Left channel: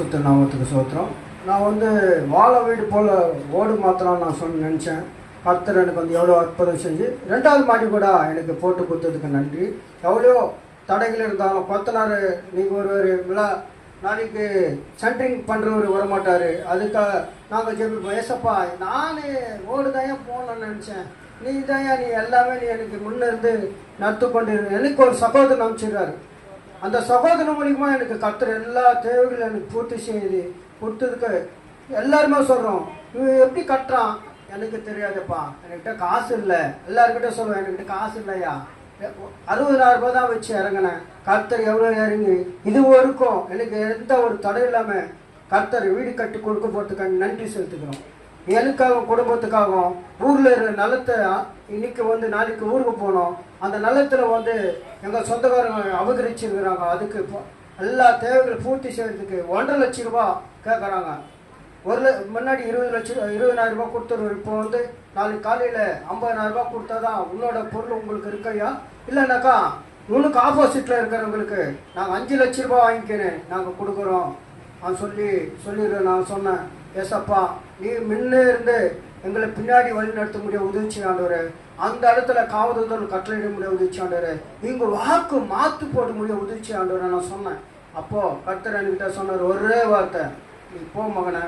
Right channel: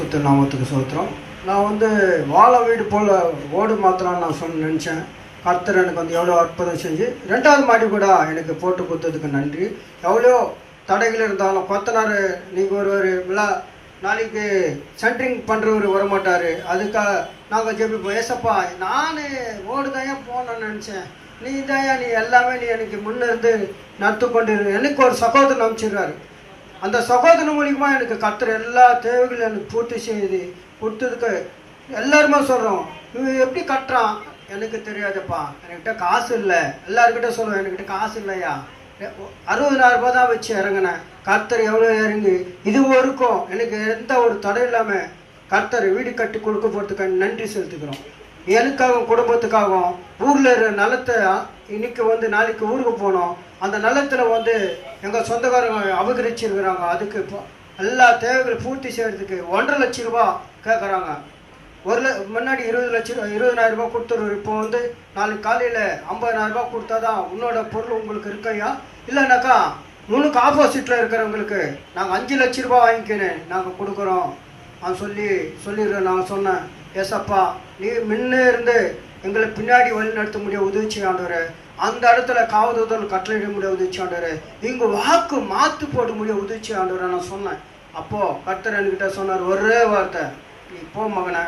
சுத்த நாமத்துக்கு சோத்திரம். நான் வாழ வீடு போல் ஓடு மாத்திரம் நான் நினச்சேன். கர்த்தர் எனக்கு எவ்வளோ அற்புதம் செஞ்சு 2வது மாடி கூட எனக்கு போட்டு கொடுத்ததுக்கு நன்றி. எவ்வளோ தடைகள் இருந்தாலும் கொத்தனார் நீங்கள் ஒரு நாளைக்கு சென்ட்ரிங் பண்ணுறவர் வரமாட்டார். அதுக்காக நாங்கள் ஜெபிப்போம். ஏசப்பா நான் ஓடு தான் போகணுன்னு நினச்சேன், நீ எல்லாமே நீ எனக்கு முன்னிருந்து நடத்து கொண்டு எனக்கு ஒரு சகோதரன் அமைச்சிடுறாரு. அந்த சகோதரன் மூலியமாக எனக்கு கர்த்தர் எல்லா தேவைகளும் எனக்கு பூர்த்தி செய்து கொடுத்ததுக்கு எல்லாருமே சொல்கிறோம், இவன் எப்படி கட்டுறான் எனக்கு தெரியாதுப்பா, என்கிட்ட காசு இல்லை. எல்லாருக்கிட்ட சொல்லுவேன், என்கிட்ட காசு இல்லையா. 60,000 ரூபாய் தான் வச்சு இறங்கினேன். கர்த்தர் எவ்வளோ இறங்கி இது வரைக்கும் எனக்கு எந்த ஒரு தடை இல்லாமல் கர்த்தர் வீடு கட்டி கொடுக்க போகிறதுக்காக நன்றி செலுத்துக்கிறோம். எனக்காகவும் குடும்பத்துக்காகவும் ஊரில் இருக்கிற நிலத்தை இன்னைக்கு நாளைக்கு ஊருக்கு போனோம். அந்த நிலத்தில் எங்கள் சொந்தக்காரங்க அபகரிச்சிருக்கிறாங்க. அதுக்கு இப்போ எல்லா தேவைகளை பூர்த்தி செய்கிறதுக்கு 1.5 லட்சம் ரூபா கேட்குறாங்க. முன்னாடி 20,000 ரூபா கொடுத்துருவோம். இப்போ நாளைக்கு காலையில் 50,000 ரூபா கொடுத்தா தான் உன்னோட பொருள் உங்களுக்கு இருக்கையா, இல்லைனாக்கா உனக்கு ஆப்போசிட்டில் இருக்கிறவங்களுக்கு நாங்கள் 5 லட்சம் ரூபா வாங்கிக்கினேன் நாங்கள் கொடுக்குறோம் சொல்லிடுறேன். நான் சொன்னேன், ஏசப்பா நீ முன்னே இருந்து எங்களை பின்னாடி வழி நடத்த முடிய உதவிச்சு ஆண்டவர், அந்த இடத்துல காவதூதல் கட்டளையிட முடிய உதவிச்சு ஆண்டவர், இங்கே வாக்கு மாற்று போட முடிய உதவிச்சு ஆண்டவர் நான் சொன்னேன். அப்போது கர்த்தர் என்கிட்ட சொன்னார் ஒரே வார்த்தை, நீ போ மகனை,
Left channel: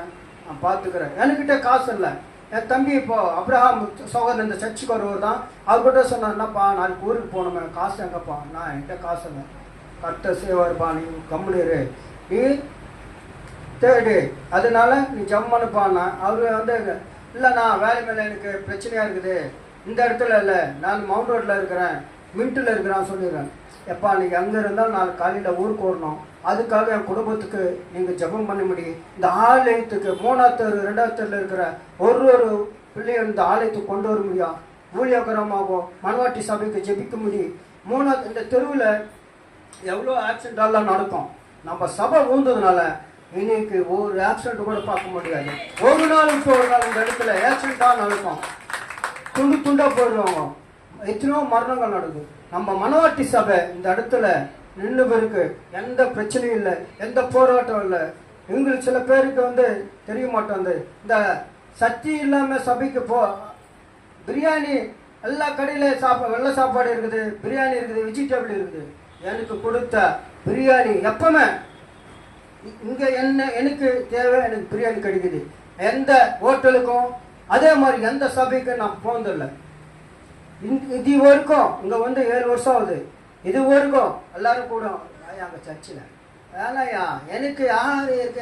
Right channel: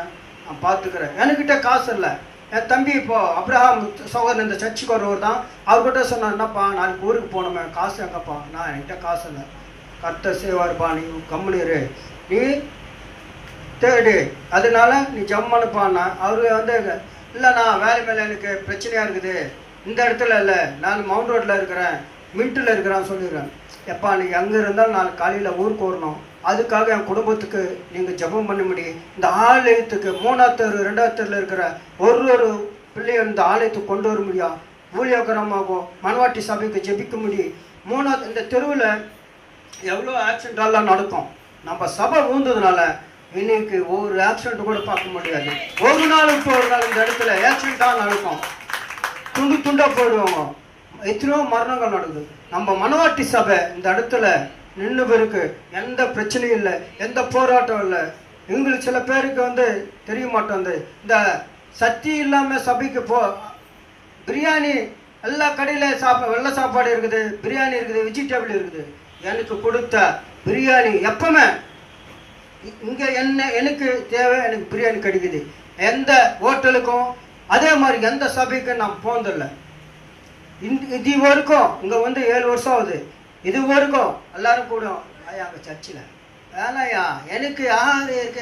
நான் பார்த்துக்கிறேன். என்கிட்ட காசு இல்லை. என் தம்பி இப்போது அப்ரஹாம் சகோதரன் இந்த சர்ச்சுக்கு வரவர் தான், அவர்கிட்ட சொன்னார், என்னப்பா நாளைக்கு ஊருக்கு போகணுமே, காசு எங்கப்பா. நான் என்கிட்ட காசு இல்லை. கர்த்தர் செய்வார்ப்பா, நீ கம்முனிரு, நீ தேடு, அதனால நீ ஜம்மனுப்பான்னா. அவர் இல்லைண்ணா வேலை மேலே எனக்கு பிரச்சனையாக இருக்குது, இந்த இடத்துல இல்லை, நான் மவுண்ட் ரோட்டில் இருக்கிறேன், மின்ட்டில் இருக்கிறான்னு சொல்லிடுறேன். எப்பா நீங்கள் அங்கே இருந்தாலும் நாளைக்கு காலையில் ஊருக்கு வரணும், அதுக்காக என் குடும்பத்துக்கு நீங்கள் ஜெபம் பண்ண முடியும். இந்த ஆலயத்துக்கு 3ஆவது தெரு 2ஆவது தெருவில் இருக்கிற ஒரு பிள்ளையை இந்த ஆலயத்துக்கு கொண்டு வர முடியும். ஊழியகரமாகும் மனவாட்டி சபைக்கு ஜெபிக்க முடியும். 3ஆவது இந்த தெருவில் எவ்வளோ ஆக்சிடென்டெல்லாம் நடக்கும். நம்ம சபை ஊந்ததுனால இன்னைக்கு ஒரு ஆக்சிடென்ட் கூட பார்க்க முடியாது. ஒரு நாள் இந்த இடத்துல ஆக்சிடென்ட்டாக நடக்கும், துண்டாக போயிடுவாங்க, எத்தனையோ மரணங்கள் நடக்குது. நம்ம மனவாட்டி சபை இந்த இடத்துல நின்று பேருக்கு எந்த பிரச்சனையும் இல்லை, எந்த போராட்டம் இல்லை. எங்களுக்கு சில பேருக்கு தெரிய மாட்டோம், இந்த சக்தி இல்லாமல் சபைக்கு பிரியாணி எல்லா கடையில் வெள்ளை சாப்பாடு இருக்குது, பிரியாணி இருக்குது, வெஜிடபிள் இருக்குது. எனக்கு கொடுத்த பிரியாணி எப்பவுமே இங்கே எனக்கு தேவை, எனக்கு பிரியாணி கிடைக்குது. எந்த ஹோட்டலுக்கும் அதே மாதிரி எந்த சபைக்கும் நான் போனதில்லை. இது வரைக்கும் இங்கே 7 வருஷம் ஆகுது. இது வரைக்கும் எல்லாரும் கூட அங்கே சர்ச்சில் வேலையா எனக்கு யார் இருக்கு